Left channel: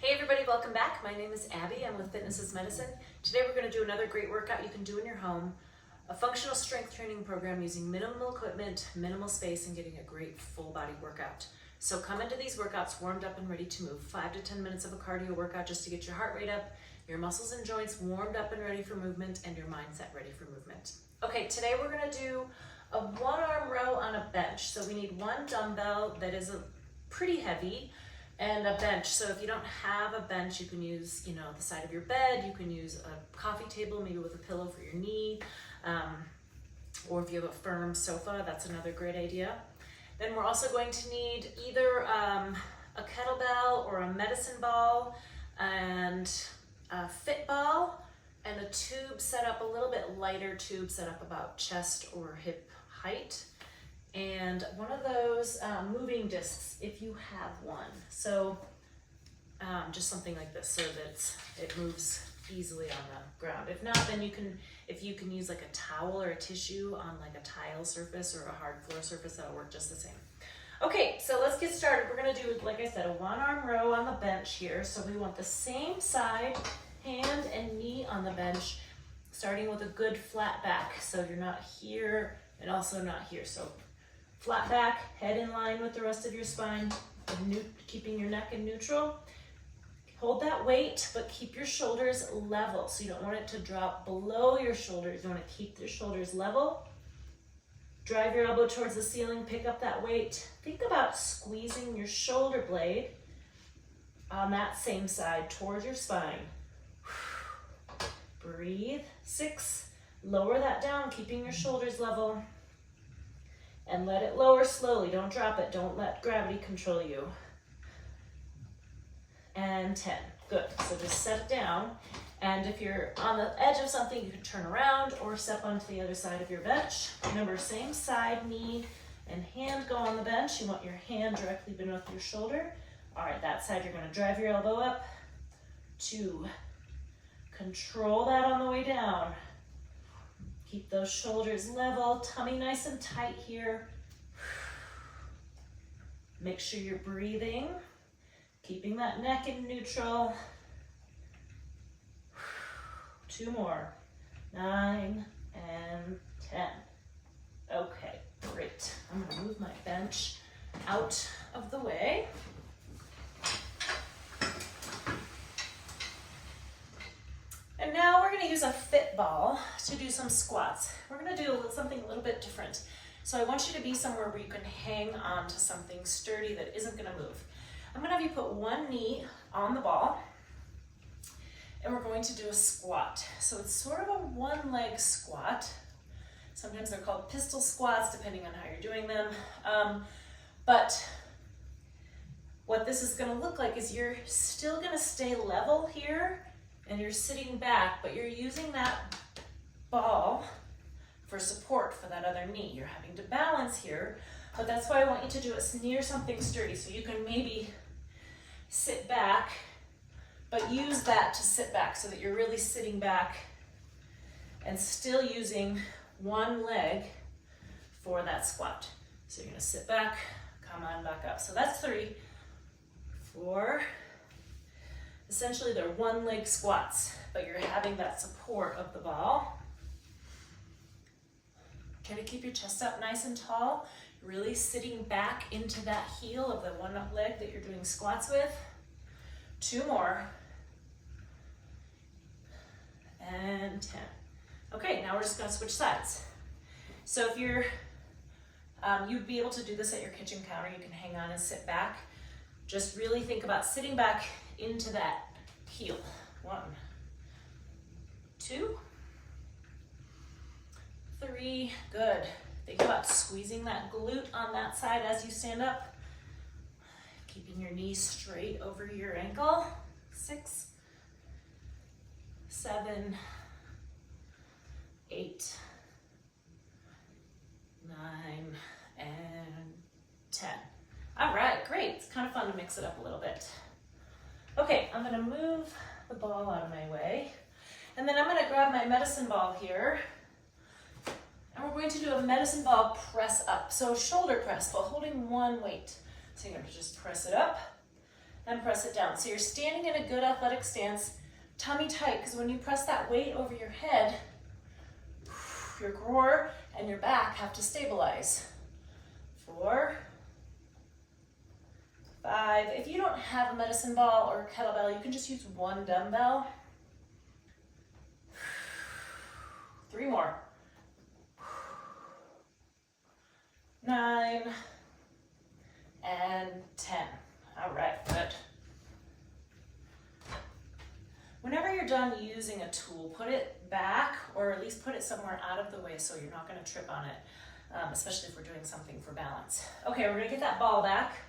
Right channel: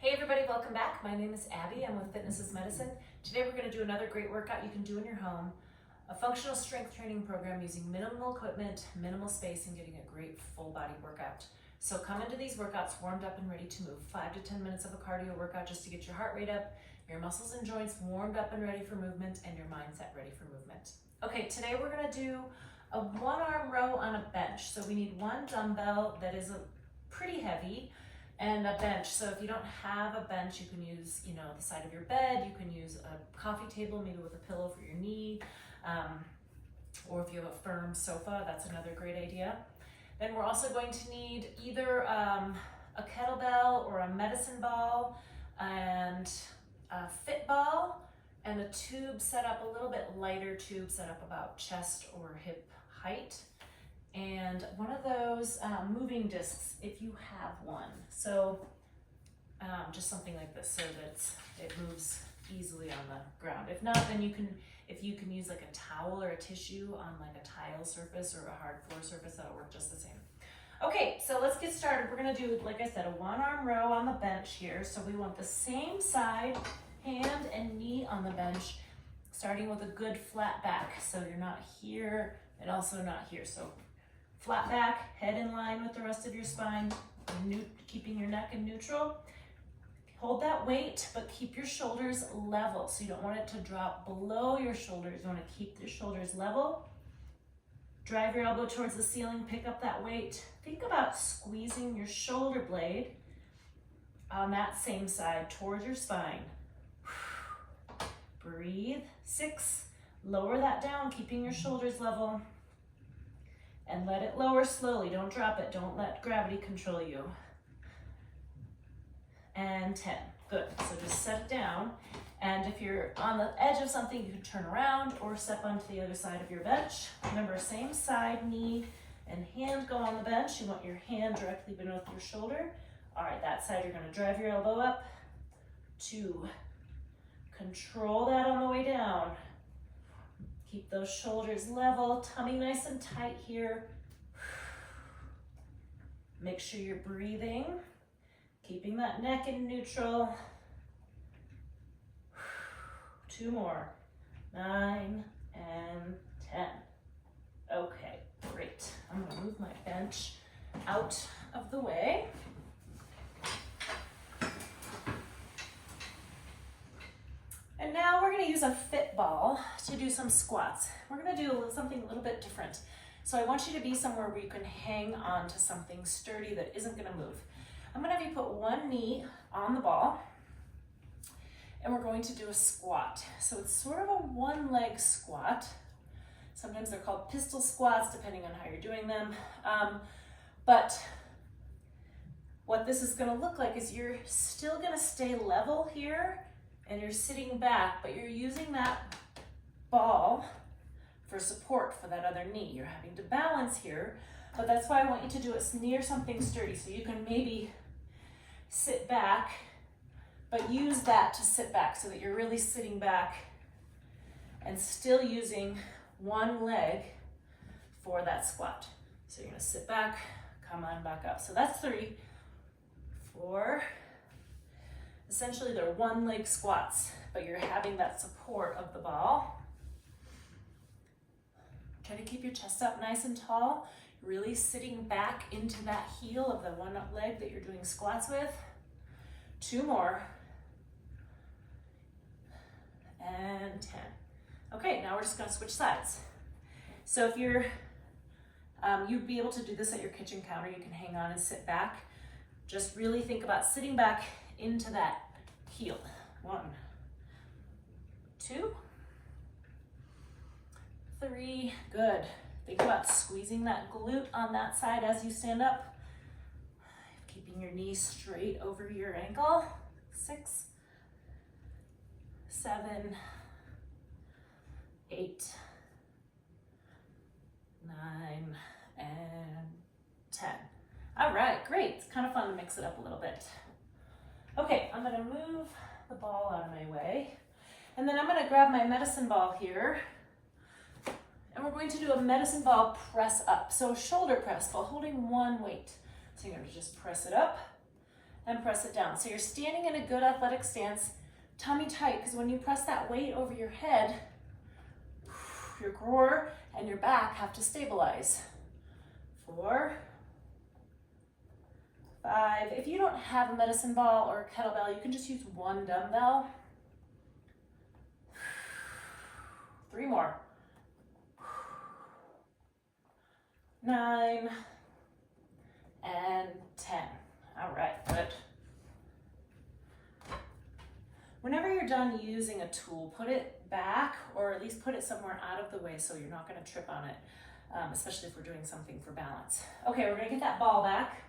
Hey everybody, welcome back. My name is Abby. I'm with Fitness is Medicine. Today we're going to do another great workout you can do in your home. A functional strength training program using minimal equipment, minimal space, and getting a great full body workout. So come into these workouts warmed up and ready to move. 5 to 10 minutes of a cardio workout just to get your heart rate up, your muscles and joints warmed up and ready for movement, and your mindset ready for movement. Okay, today we're going to do a one-arm row on a bench. So we need one dumbbell that is pretty heavy, and a bench. So if you don't have a bench, you can use, the side of your bed. You can use a coffee table, maybe with a pillow for your knee, or if you have a firm sofa, that's another great idea. Then we're also going to need either a kettlebell or a medicine ball and a fit ball and a tube set up, a little bit lighter tube set up about chest or hip height. And one of those moving discs, if you have one. So just something like this so that it moves easily on the ground. If not, then you can use like a towel or a tissue on like a tile surface or a hard floor surface, that'll work just the same. Okay, so let's get started. We're gonna do, like I said, a one-arm row on the bench here. So we want the same side, hand and knee on the bench, starting with a good flat back. So you're not here and also not here. So flat back, head in line with the rest of your spine, keeping your neck in neutral. Hold that weight, but keep your shoulders level. So you don't want it to drop below your shoulders. You want to keep your shoulders level. Drive your elbow towards the ceiling, pick up that weight. Think about squeezing your shoulder blade on that same side towards your spine. Breathe. 6. Lower that down, keeping your shoulders level. And let it lower slowly. Don't drop it. Don't let gravity control you. And 10. Good. So just set it down. And if you're on the edge of something, you can turn around or step onto the other side of your bench. Remember, same side, knee and hand go on the bench. You want your hand directly beneath your shoulder. All right, that side, you're going to drive your elbow up. 2. Control that on the way down. Keep those shoulders level, tummy nice and tight here. Make sure you're breathing, keeping that neck in neutral. 2 more. 9 and 10. Okay, great. I'm gonna move my bench out of the way. And now we're going to use a fit ball to do some squats. We're going to do something a little bit different. So I want you to be somewhere where you can hang on to something sturdy that isn't going to move. I'm going to have you put one knee on the ball, and we're going to do a squat. So it's sort of a one-leg squat. Sometimes they're called pistol squats, depending on how you're doing them. But what this is going to look like is you're still going to stay level here, and you're sitting back, but you're using that ball for support for that other knee. You're having to balance here, but that's why I want you to do it near something sturdy. So you can maybe sit back, but use that to sit back so that you're really sitting back and still using one leg for that squat. So you're gonna sit back, come on back up. So that's 3, 4, essentially they're one leg squats, but you're having that support of the ball. Try to keep your chest up nice and tall, really sitting back into that heel of the one leg that you're doing squats with. 2 more. And 10. Okay, now we're just gonna switch sides. So if you'd be able to do this at your kitchen counter, you can hang on and sit back. Just really think about sitting back into that heel. 1, 2, 3, good. Think about squeezing that glute on that side as you stand up. Keeping your knees straight over your ankle. 6, 7, 8, 9, and 10. All right, great. It's kind of fun to mix it up a little bit. Okay, I'm gonna move the ball out of my way, and then I'm gonna grab my medicine ball here, and we're going to do a medicine ball press up. So shoulder press while holding one weight. So you're gonna just press it up, and press it down. So you're standing in a good athletic stance, tummy tight, because when you press that weight over your head, your core and your back have to stabilize. 4, 5. If you don't have a medicine ball or a kettlebell, you can just use one dumbbell. 3 more. 9 and 10. All right, good. Whenever you're done using a tool, put it back, or at least put it somewhere out of the way so you're not going to trip on it, especially if we're doing something for balance. Okay, we're going to get that ball back.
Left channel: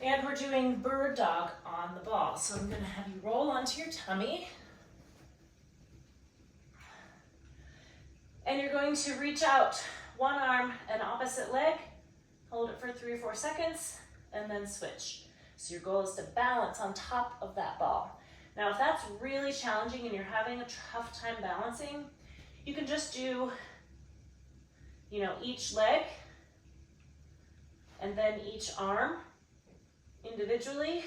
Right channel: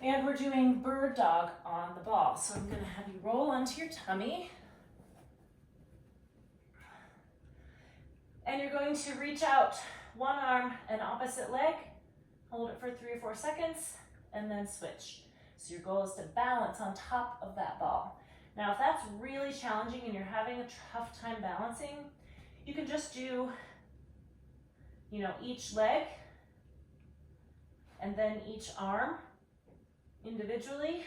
And we're doing bird dog on the ball. So I'm going to have you roll onto your tummy. And you're going to reach out one arm and opposite leg, hold it for 3 or 4 seconds, and then switch. So your goal is to balance on top of that ball. Now, if that's really challenging and you're having a tough time balancing, you can just do, each leg and then each arm individually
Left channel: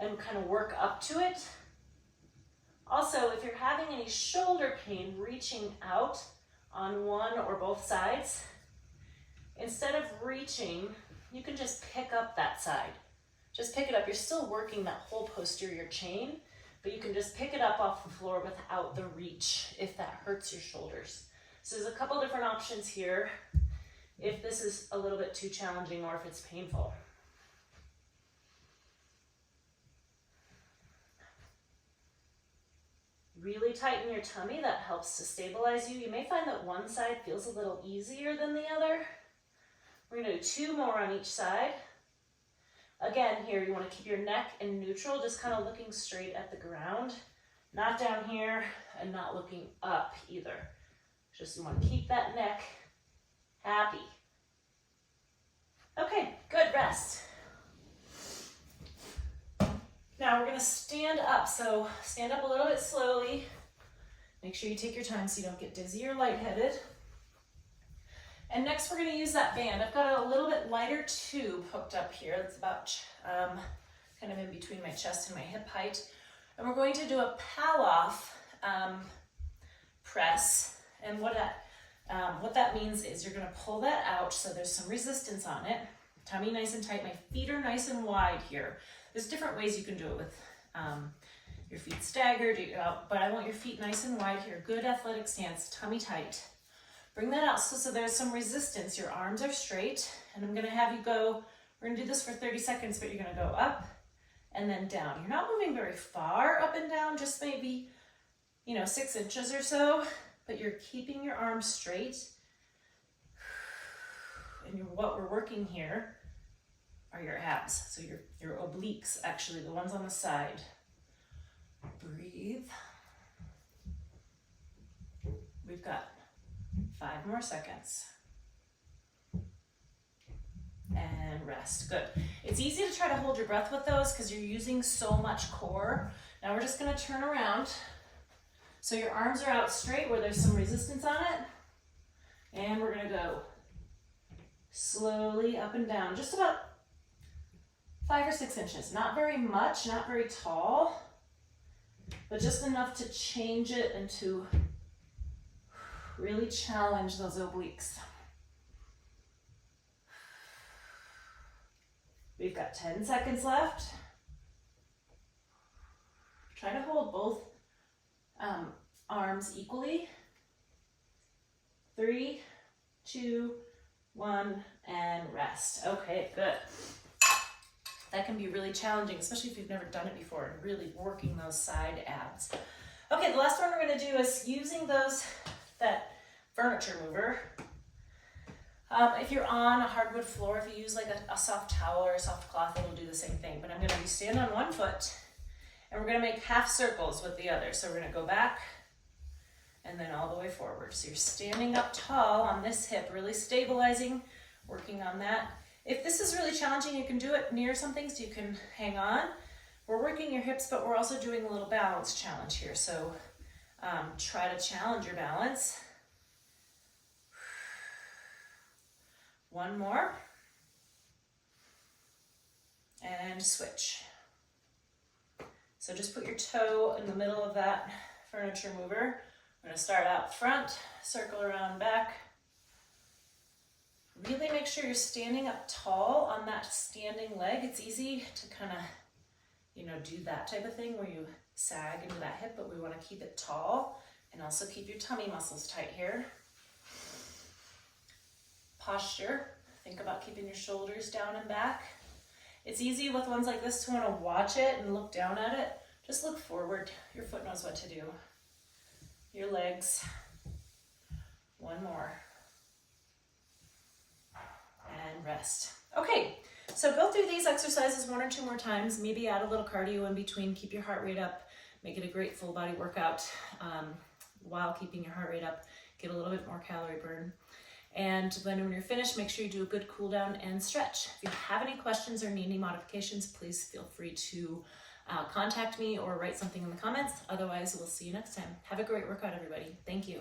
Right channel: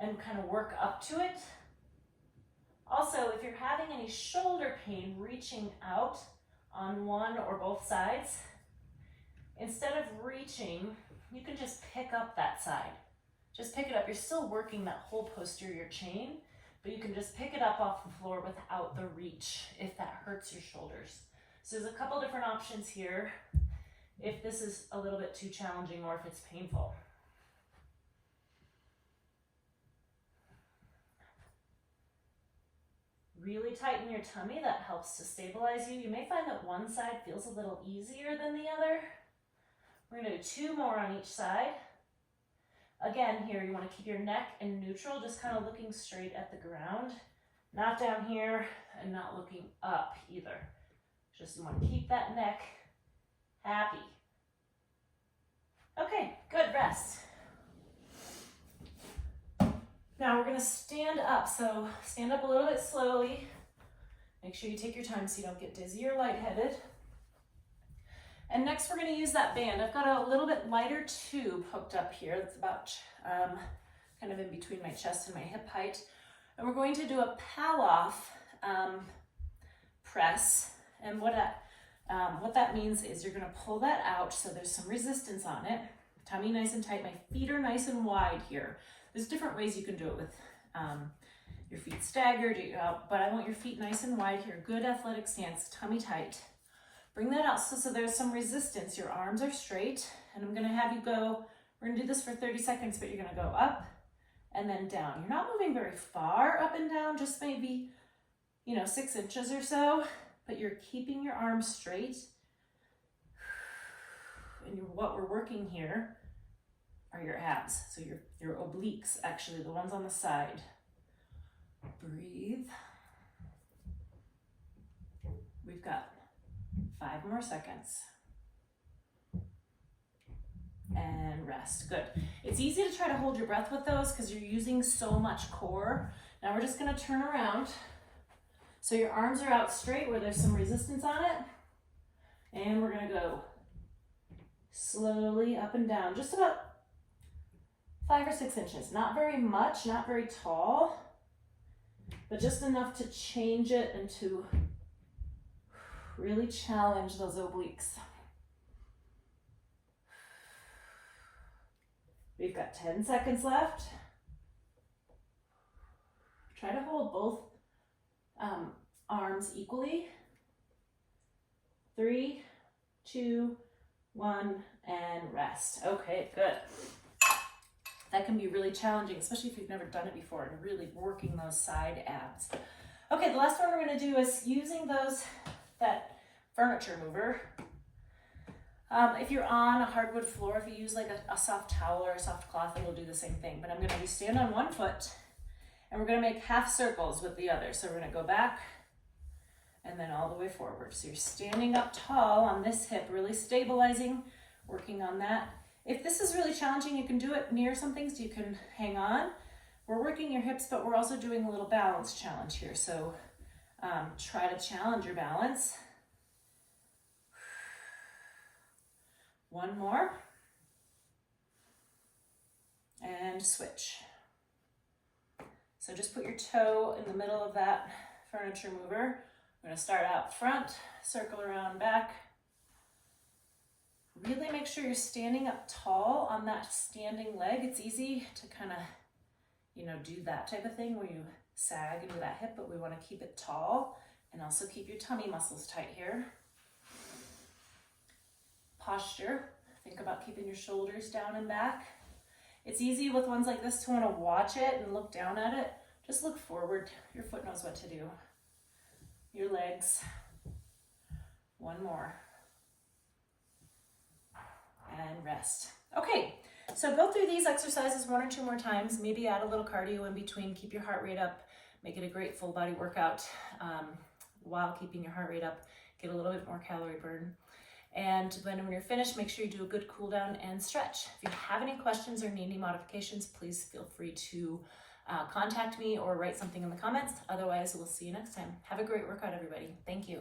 and kind of work up to it. Also, if you're having any shoulder pain, reaching out on one or both sides, instead of reaching, you can just pick up that side. Just pick it up. You're still working that whole posterior chain, but you can just pick it up off the floor without the reach if that hurts your shoulders. So there's a couple different options here if this is a little bit too challenging or if it's painful. Really tighten your tummy. That helps to stabilize you. You may find that one side feels a little easier than the other. We're going to do 2 more on each side. Again, here you want to keep your neck in neutral, just kind of looking straight at the ground. Not down here and not looking up either. Just you want to keep that neck happy. Okay, good, rest. Now we're going to stand up. So stand up a little bit slowly. Make sure you take your time so you don't get dizzy or lightheaded. And next we're going to use that band. I've got a little bit lighter tube hooked up here. It's about kind of in between my chest and my hip height. And we're going to do a Pallof press. And what that means is you're going to pull that out so there's some resistance on it. Tummy nice and tight. My feet are nice and wide here. There's different ways you can do it with your feet staggered, but I want your feet nice and wide here. Good athletic stance, tummy tight. Bring that out so there's some resistance. Your arms are straight, and I'm going to have you go, we're going to do this for 30 seconds, but you're going to go up and then down. You're not moving very far up and down, just maybe, 6 inches or so, but you're keeping your arms straight. And what we're working here are your abs, so your obliques, actually, the ones on the side. Breathe. We've got 5 more seconds. And rest. Good. It's easy to try to hold your breath with those because you're using so much core. Now we're just going to turn around. So your arms are out straight where there's some resistance on it. And we're going to go slowly up and down, just about 5 or 6 inches. Not very much, not very tall, but just enough to change it and to really challenge those obliques. We've got 10 seconds left. Try to hold both arms equally. 3, 2, 1, and rest. Okay, good. That can be really challenging, especially if you've never done it before, and really working those side abs. Okay, the last one we're going to do is using that furniture mover. If you're on a hardwood floor, if you use like a soft towel or a soft cloth, it'll do the same thing. But I'm going to stand on one foot, and we're going to make half circles with the other. So we're going to go back and then all the way forward. So you're standing up tall on this hip, really stabilizing, working on that. If this is really challenging, you can do it near something so you can hang on. We're working your hips, but we're also doing a little balance challenge here. So try to challenge your balance. 1 more. and switch. So just put your toe in the middle of that furniture mover. We're gonna start out front, circle around back. Really make sure you're standing up tall on that standing leg. It's easy to kind of, do that type of thing where you sag into that hip, but we want to keep it tall and also keep your tummy muscles tight here. Posture, think about keeping your shoulders down and back. It's easy with ones like this to want to watch it and look down at it. Just look forward. Your foot knows what to do. Your legs. One more. And rest. Okay, so go through these exercises 1 or 2 more times. Maybe add a little cardio in between. Keep your heart rate up. Make it a great full body workout while keeping your heart rate up. Get a little bit more calorie burn. And then when you're finished, make sure you do a good cool down and stretch. If you have any questions or need any modifications, please feel free to contact me or write something in the comments. Otherwise, we'll see you next time. Have a great workout, everybody. Thank you.